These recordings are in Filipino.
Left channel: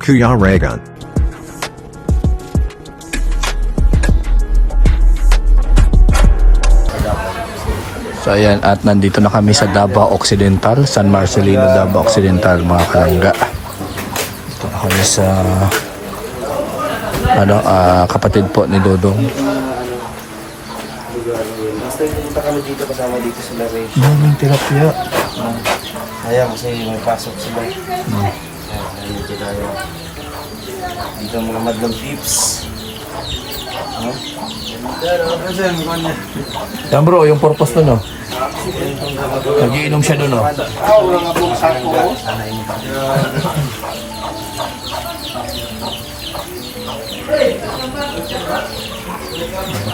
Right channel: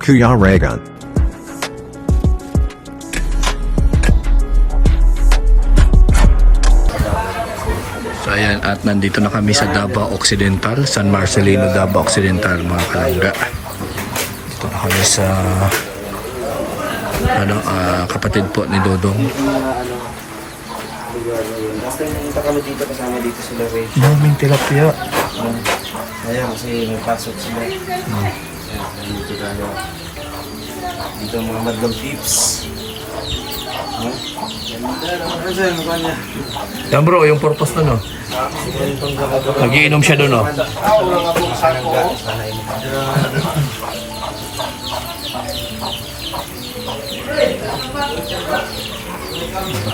Kuya Regan. So ayan, at nandito na kami sa Davao Occidental, San Marcelino, Davao Occidental, mga kalangga. Ito na kami sa kapatid po ni Dodong. Basta pumunta kami dito kasama dito sila Ray. Daming tilapia. Kaya kasi may pasok sila. Kaya dito tayo. Dito mga madlang tips. Yan bro, yung purpose nun, no? Nagiinom siya doon, no?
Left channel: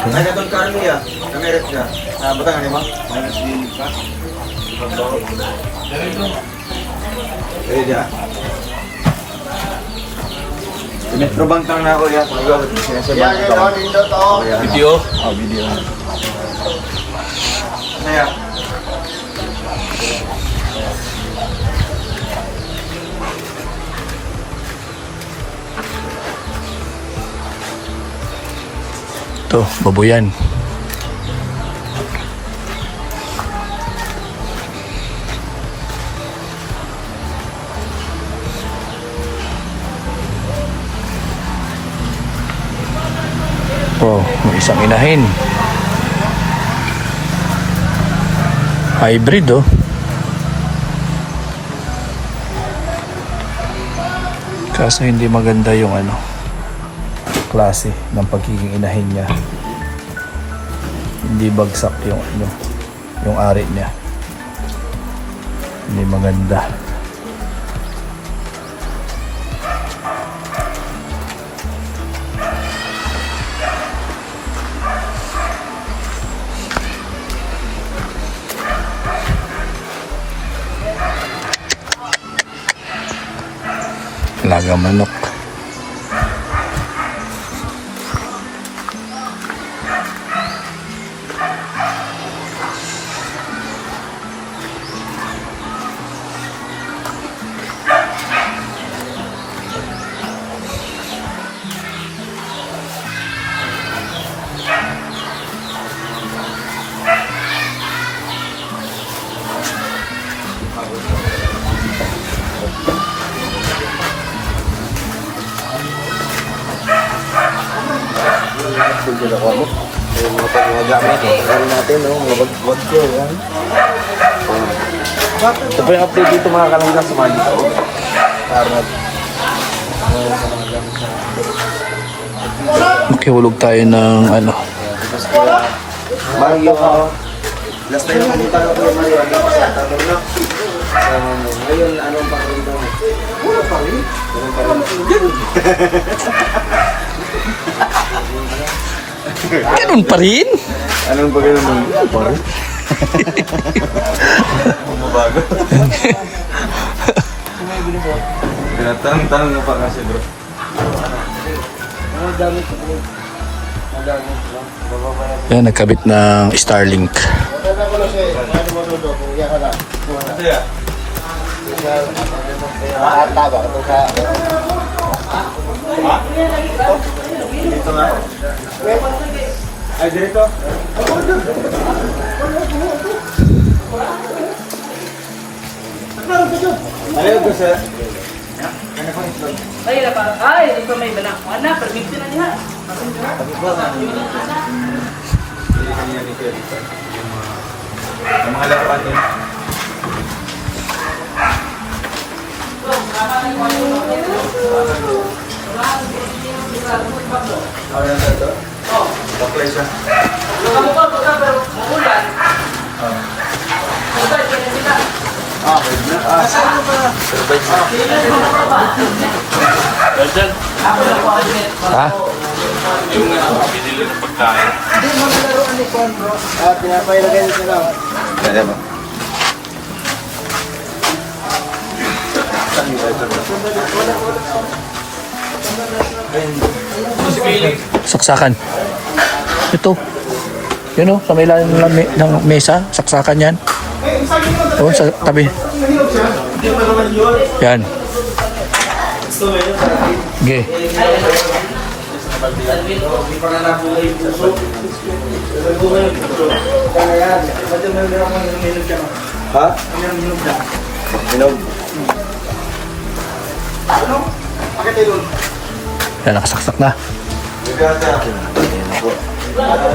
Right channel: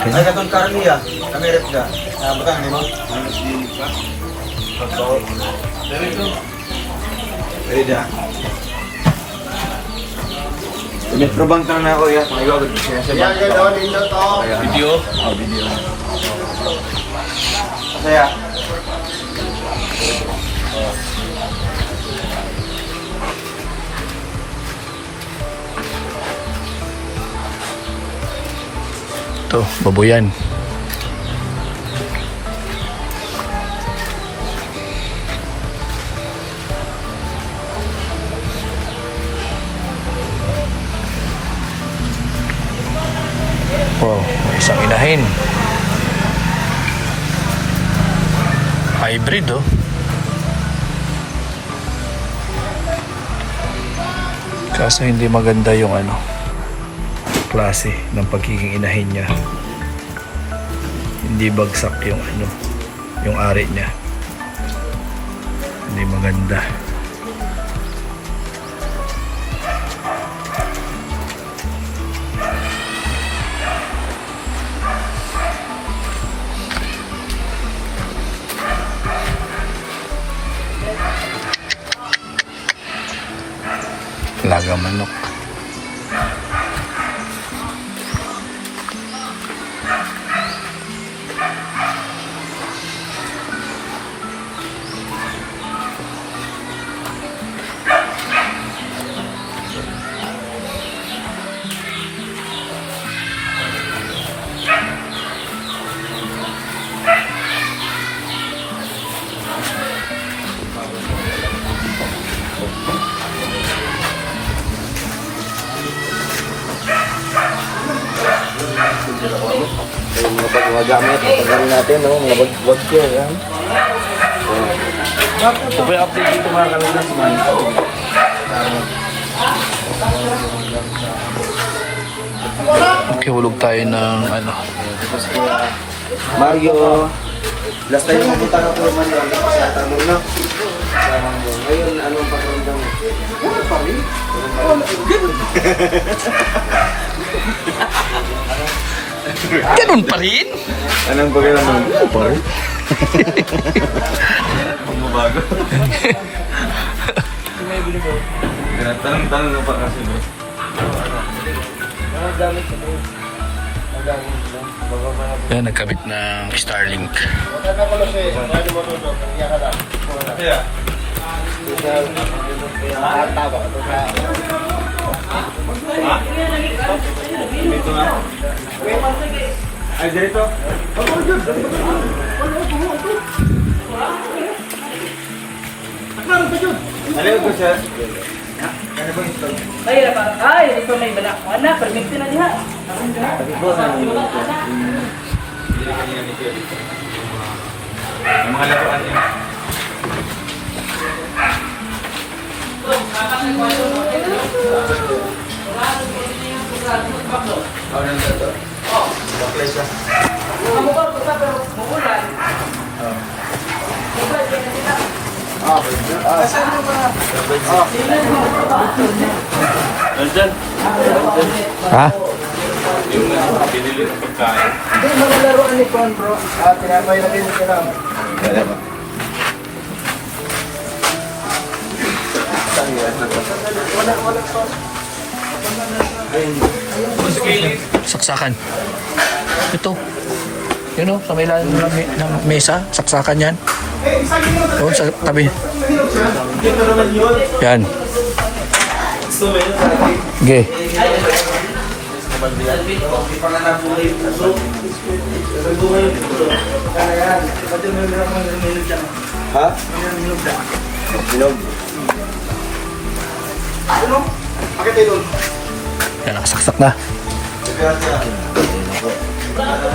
Ay, katong karmi ah. Kamerap ka. Batang ano mo? Minus din pa. Eh, dia. Metro bank lang na ako yan. Pag-iwag ko siya sa bank. Video? Oh, video. Masaya. Ito, baboyan. Wow, may isang inahin. Hybrid, oh. Kaso hindi maganda yung klase ng pagiging inahin niya. Hindi bagsak yung yung ari niya. Hindi maganda. Laga manok. Yung mga pag-gamit, pag-gamit natin, no? Mga bag-bag ko, yan. Ito po yung update dito mga kalangga sa Manila. Makihulog tayo ng Mario, last time yung pumunta ko ng Mario, hindi ko siya tanong na. Ngayon, anong pakiramdam? Wala pa rin. ganun pa rin. Anong pakiramdam? Wala pa rin. Bumabago. Tanong na pa kasi bro. Yan, nagkabit ng Starlink. Dito na. Ay, dito. Ayaw ko sir. Ay, dito may balak ko. Anak, permisi na diha. Yung mga laruan niya. Baklay siya. Ha? Saksakan. Ito. Yun o, sa may ilalim ng mesa, saksakan yan. O, sa tabi. Yan. Okay. Ha? Hinog. Yan, nakasaksak na.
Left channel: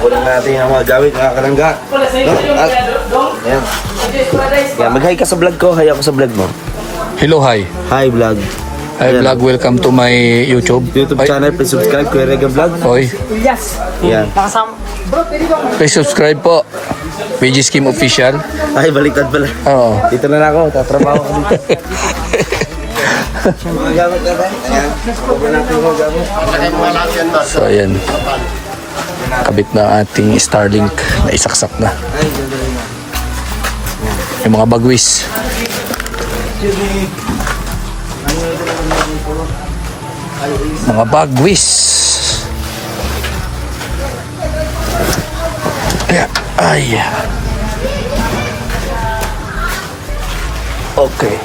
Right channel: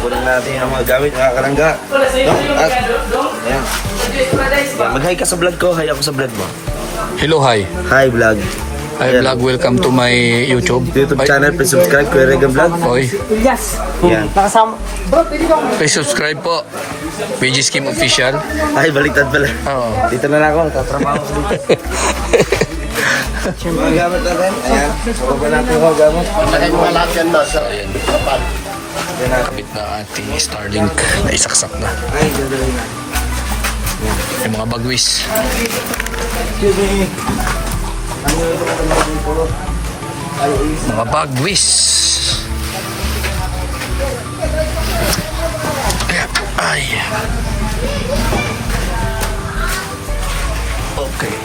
Kunin natin ang mga gamit, mga karangga. Wala sa iyo yung At- dong. Ayan. Yan, mag-hi ka sa vlog ko. Hi ako sa vlog mo. Hello, hi. Hi vlog. Hi vlog, welcome to my YouTube. YouTube Ay, channel, please subscribe. Kuya Regan Vlog. Oy, Yan. please subscribe po. PG Scheme Official. Ay, baliktad pala. Oo. Dito na lang ako. Tatrabaho ko dito. Mga gamit na tayo. Ayan. Open natin mga gamit. So, ayan. Kabit na ating Starlink na isaksak na. Ay, gagawin na. Yung mga bagwis. Mga bagwis. Ayan. Ay. Okay.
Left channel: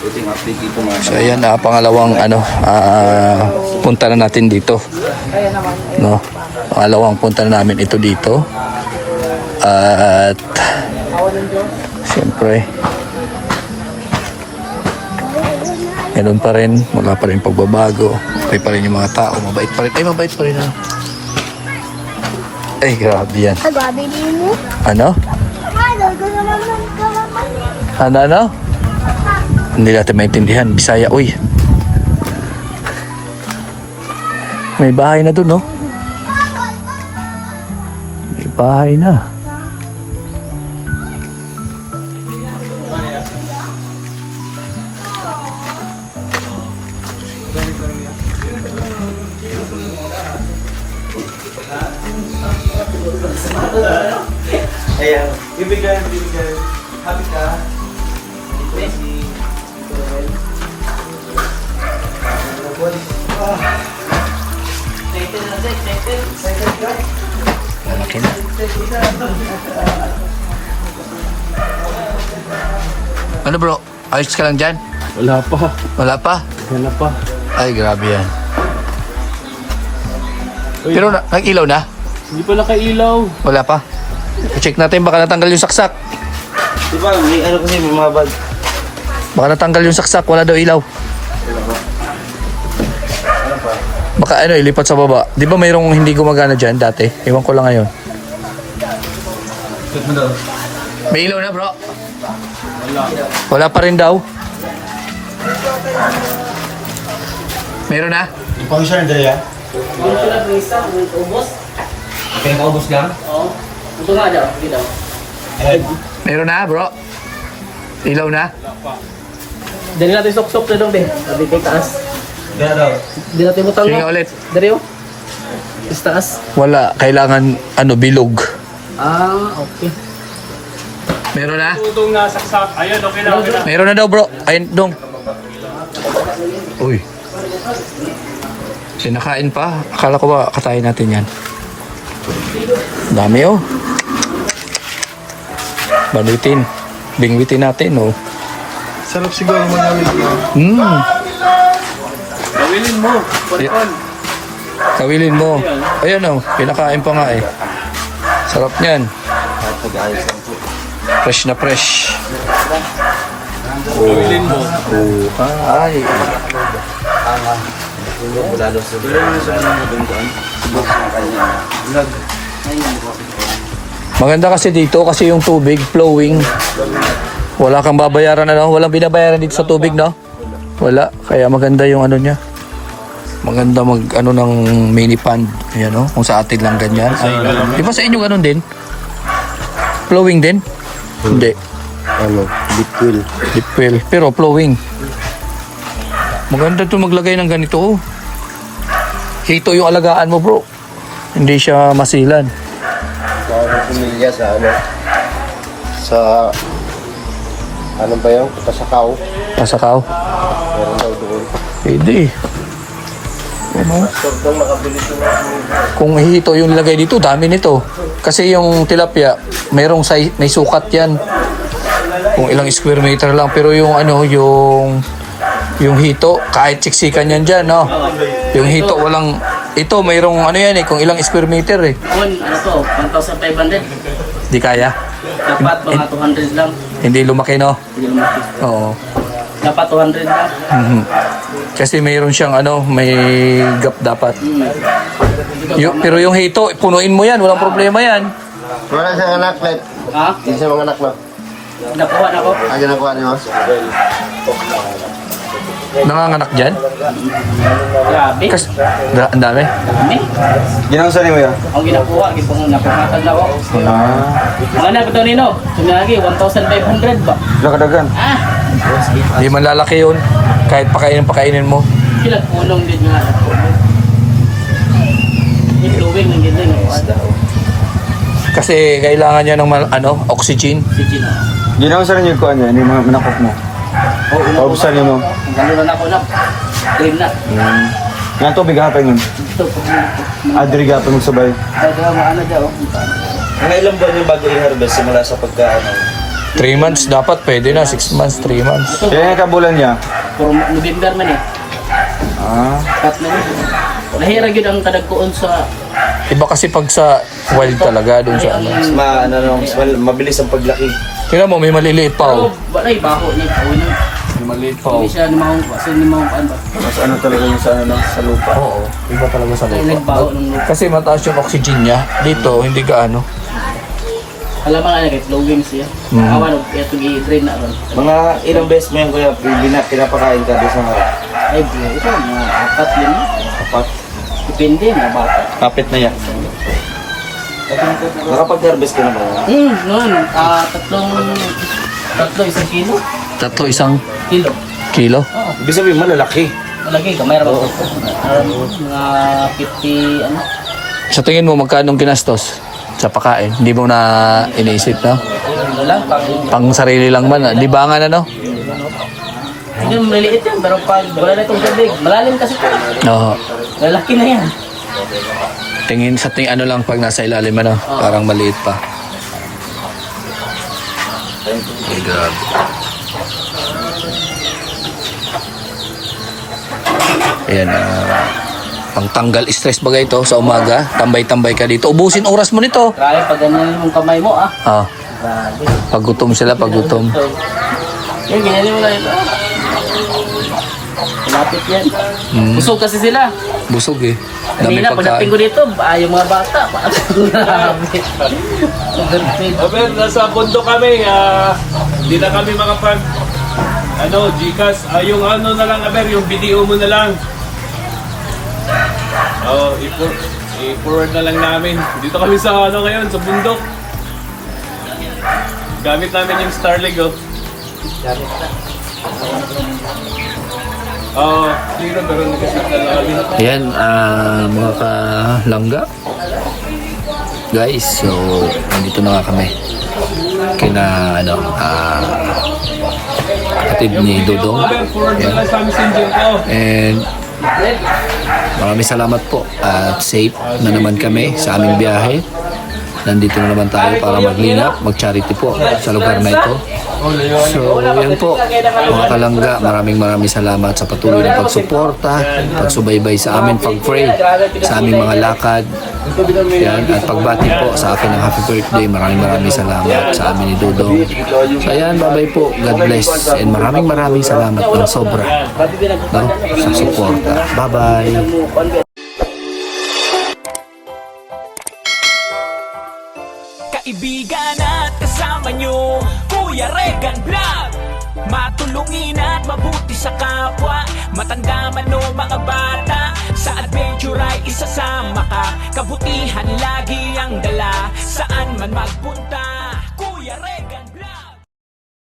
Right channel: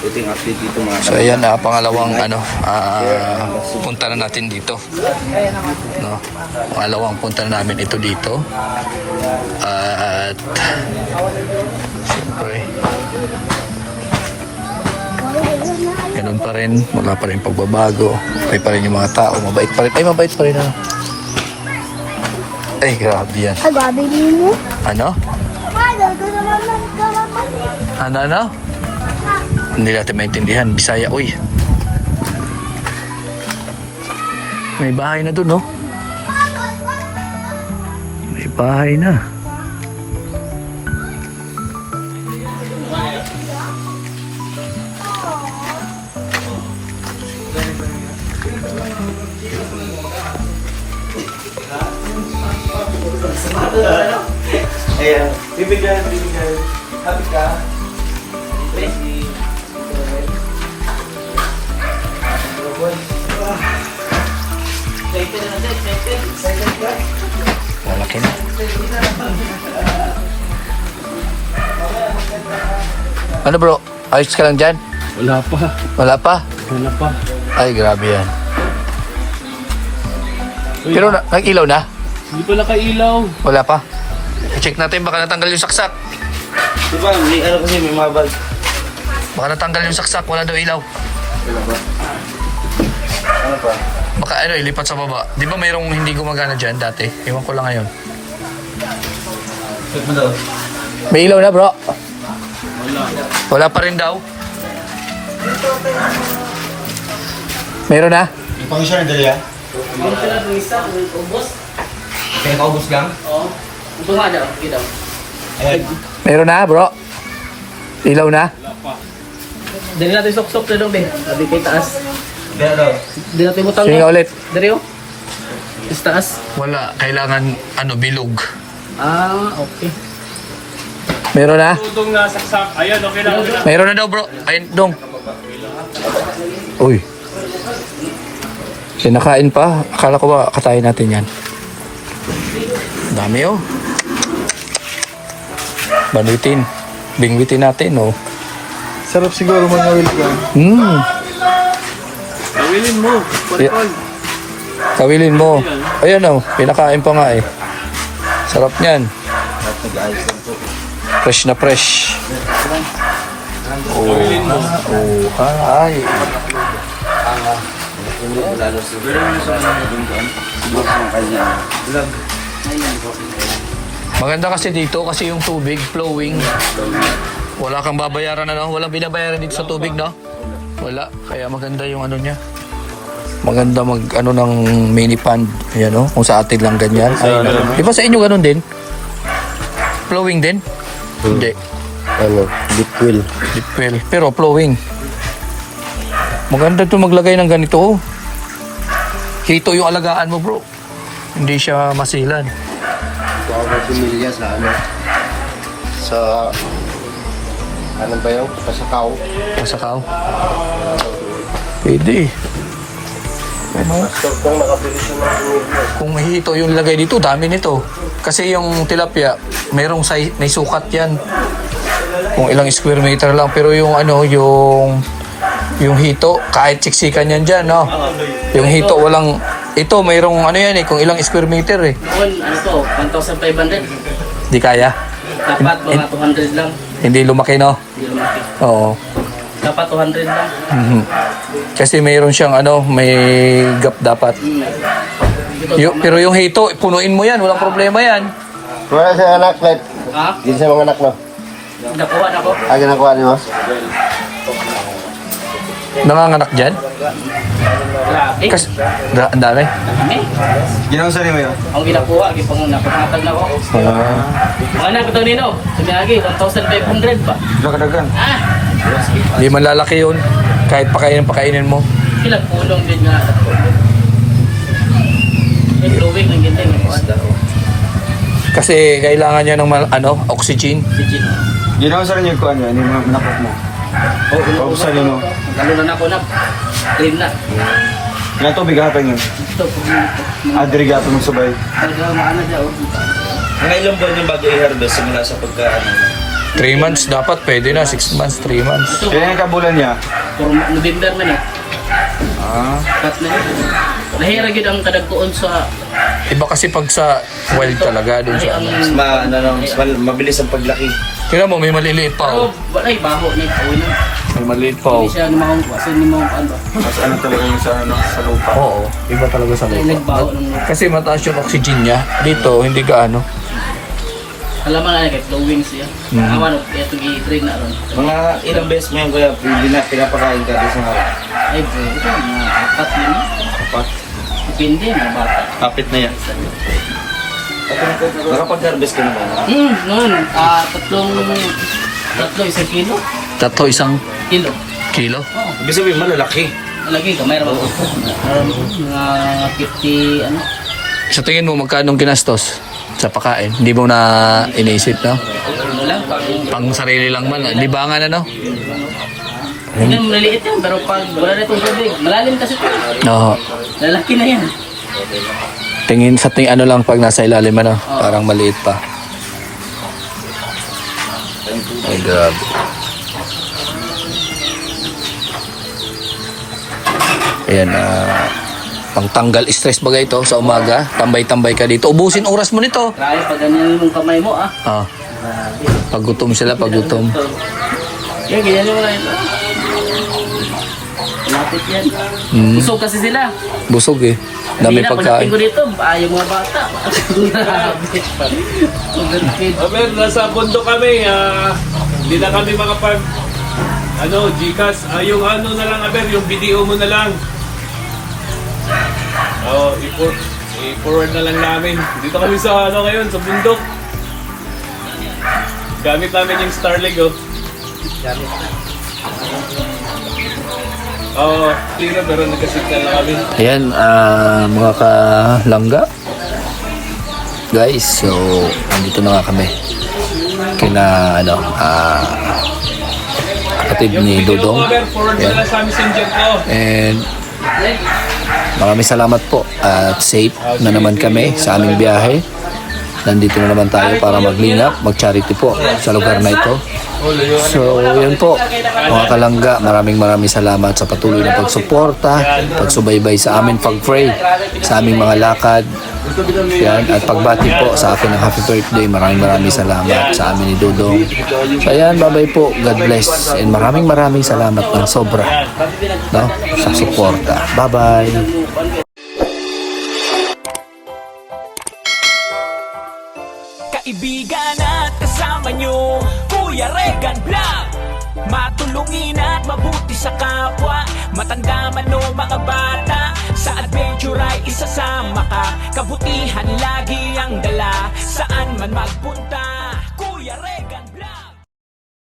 Ito yung update dito mga So ayan, pangalawang punta na natin dito. No. Pangalawang punta na namin ito dito. At siyempre ganun pa rin, wala pa rin pagbabago. Okay pa rin yung mga tao, mabait pa rin. Ay, mabait pa rin na. Ay, grabe yan. Ano? Ano? Hindi natin maintindihan. Bisaya, uy. May bahay na dun, no? May bahay na. Ayan. Ibigay. Happy ka. Lalaki na. Ano bro? Ayos ka lang dyan? Wala pa. Wala pa? Wala pa. Ay, grabe yan. Pero nag-ilaw na? Hindi pa nakailaw. Wala pa? I-check natin, baka natanggal yung saksak. Diba, may ano kasi, may mga bag. Baka natanggal yung saksak, wala daw ilaw. Wala ba? Baka ano, ilipat sa baba. Di ba mayroong hindi gumagana dyan dati? Ewan ko lang ngayon. Check mo daw. May ilaw na bro? Wala. Wala pa rin daw? Meron na? Yung pang-share na dali ah? Yung pala Luisa, ubos. Kaya kaubos lang? Oo. Ito nga daw, hindi daw. Ay, Meron na bro? Ilaw na? Dali natin sok-sok na dong, Ben. Sabi kay taas. kaya daw. Dali natin mo Sige nga ulit. Dari oh. Is taas. Wala. Kailangan bilog. Ah, okay. Meron na? Tutong nasaksak. Ayun, okay na, okay na. Meron na daw bro. Ayun dong. Uy. Sinakain pa. Akala ko ba katayin natin yan. Dami oh. Balitin. Bingwitin natin oh. Sarap siguro manawil ka. Gawilin mo. Kontrol. Kawilin mo. Ayan oh. Pinakain pa nga eh. Sarap niyan. Fresh na fresh. Gawilin mo. Oh, ay. Maganda kasi dito kasi yung tubig flowing. Wala kang babayaran na no? Walang binabayaran dito sa tubig, no? Wala. Kaya maganda yung ano niya. Maganda mag ano ng mini pond. Ayan, no? Kung sa atin lang ganyan. Ay, naku. Di ba sa inyo ganun din? Flowing din? Hindi. Ano? Bitwil. Well, pero flowing. Maganda to maglagay ng ganito. Hito yung alagaan mo, bro. Hindi siya masilan. Sa pamilya sa ano? Sa... Ano ba yun? Pasakaw. Pasakaw. Pwede. Ano? Kung hito yung ilagay dito, dami nito. Kasi yung tilapia, may sukat yan. kung ilang square meter lang. Pero yung ano, yung hito, kahit siksikan yan dyan, no? Yung hito, walang, ito, mayroong ano yan eh, kung ilang square meter eh. Ano to, 1,500. Di kaya? Dapat mga 200 lang. Hindi lumaki, no? Hindi lumaki. Oo. Dapat 200 lang. Mhm. Kasi mayroon siyang ano, may gap dapat. Pero yung hito, punuin mo yan, walang problema yan. Mga sa anak, Let. Ha? Dito sa mga anak mo. Nakuha na ko. Ay, nakuha niyo. Nanganganak dyan? Grabe. Ang dami. Dami. Ginang sa niyo. Ang ginakuha, napahatag na ako. Mga na, ito nino. Sumiyagi, 1,500 ba? Nakadagan. Ah! Hindi man lalaki yun. Kahit pakainin mo. Ilang ulong din nila. Yung luwing, yung ganda yung Kasi kailangan niya ng oxygen. Sige. Ginang sa niyo ko ano, hindi mga manakot mo. Oo, Paubsan niyo mo. Gano'n na ako na. Clean na. Nga to, bigapin niyo. Ito, pag Adri gapin mo sabay. maano dyan. Mga ilang buwan yung bago i-harvest simula sa pagkaano? 3 months dapat, pwede na. 6 months, 3 months. Ito, Kaya nga kabulan niya. puro November man eh. Cut na rin. Nahirag yun ang kadagkoon sa... Iba kasi pag sa wild talaga, dun sa ano. Mabilis ang paglaki. Tingnan mo, may maliliit pa. Pero, Oh. bakay, baho ni Paulo. May maliit pa. Hindi siya namang kasi ni mga ano. Mas ano talaga yung sa ano, sa lupa. Oo, iba talaga sa Ay, lupa. nagbaho ng lupa. Kasi mataas yung oxygen niya. Dito, hindi gaano. Alam mo nga kahit low wings siya. Awan, kaya ito i-train na ron. Mga ilang beses mo yung kuya, pinapakain ka doon sa mga Ay bro, ito mga apat yun. kapat. Depende mga bata. Kapit na yan. Nakapag-harvest ka na ba? Noon, tatlo isang kilo. Tatlo, 1 Kilo. kilo. Oo. Ibig sabihin malalaki. Malaki ka, mayroon ako. Mga 50, ano. Sa tingin mo, magkano ginastos sa pagkain? Hindi mo na iniisip, no? Wala. Pang sarili lang man. Libangan, ano? Hindi maliit yun, pero pag wala na itong tubig, malalim kasi ito. Oo. Lalaki na yan. Tingin ano lang pag nasa ilalim, ano? Parang maliit pa. Ay, grabe. Ayan, pangtanggal stress bagay ito sa umaga. Tambay-tambay ka dito. Ubusin oras mo nito. Kaya pag ganyan yung kamay mo, ah. Ah, Grabe. paggutom sila, paggutom. Yung ganyan mo lang. Malapit yan. Busog kasi sila. Busog eh. Dami pagkain. Pagdating ko dito, yung mga bata. Grabe. Aber, nasa bundok kami, hindi na kami makapag, Gcash, yung ano na lang, Aber, yung video mo na lang. I-forward na lang namin. Dito kami sa, ngayon, sa bundok. Gamit namin yung Starlink, oh. Clear, pero nagkasignal na kami. Ayan, mga kalangga. Guys, so, nandito na nga kami. Kina, kapatid ni Dodong. Aber, forward na lang sa messenger ko. And maraming salamat po at safe na naman kami sa aming biyahe. Nandito na naman tayo para maglingap, mag-charity po sa lugar na ito. So, yan po, mga kalangga, maraming salamat sa patuloy na pagsuporta, pagsubaybay sa amin, pag-pray sa aming mga lakad. Yan, at pagbati po sa akin ng happy birthday, maraming salamat sa amin ni Dodong. So, yan, bye-bye po, God bless, and maraming salamat ng sobra, no, sa suporta. Bye-bye. Kaibigan at kasama nyo, Kuya Regan Vlog. Matulungin at mabuti sa kapwa, matanda man o mga bata. Sa adventure ay isasama ka, kabutihan lagi ang dala. Saan man magpunta, Kuya Regan.